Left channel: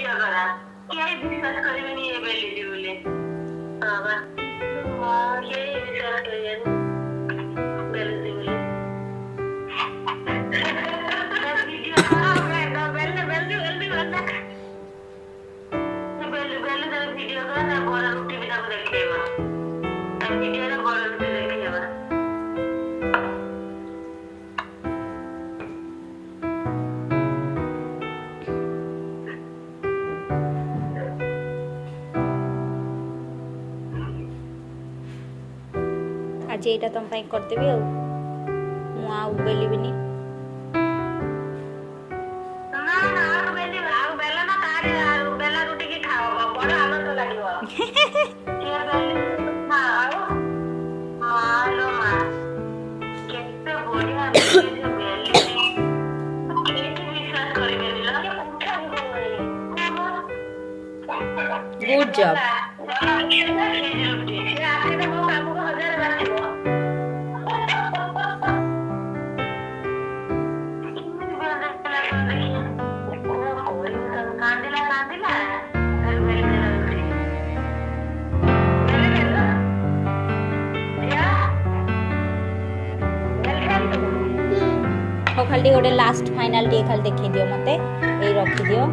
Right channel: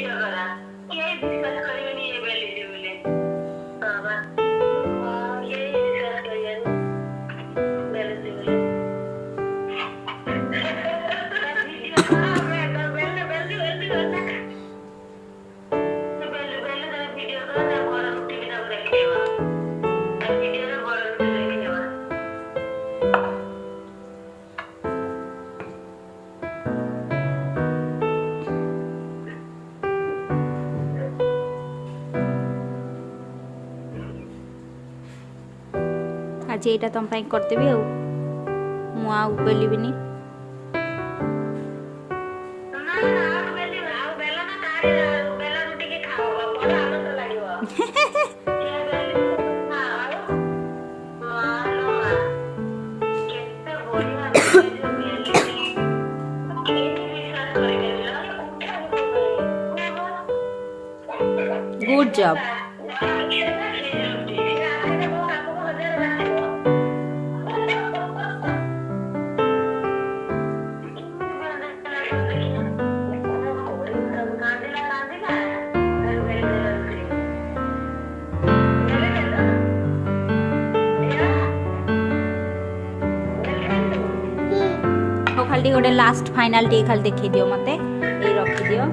वीडियो करा ये डिस्कस करेंगे नहीं ये बेली दी बोले बाबा ये डिस्कस करिए बेली दी बोले वीडियो मैं तो बेली बेली बेली बेली बेली बेली तेरे वीडियो करा ना बड़ा रोटी भी ना देखेगा वीडियो ना बड़ा रोटी देखेगा आज ये तुम करदेवि बेलिबिनी गुड जॉब खाली गोटे लास्ट फाइनल टे खाली देखी दियो मते ए रखी दियो।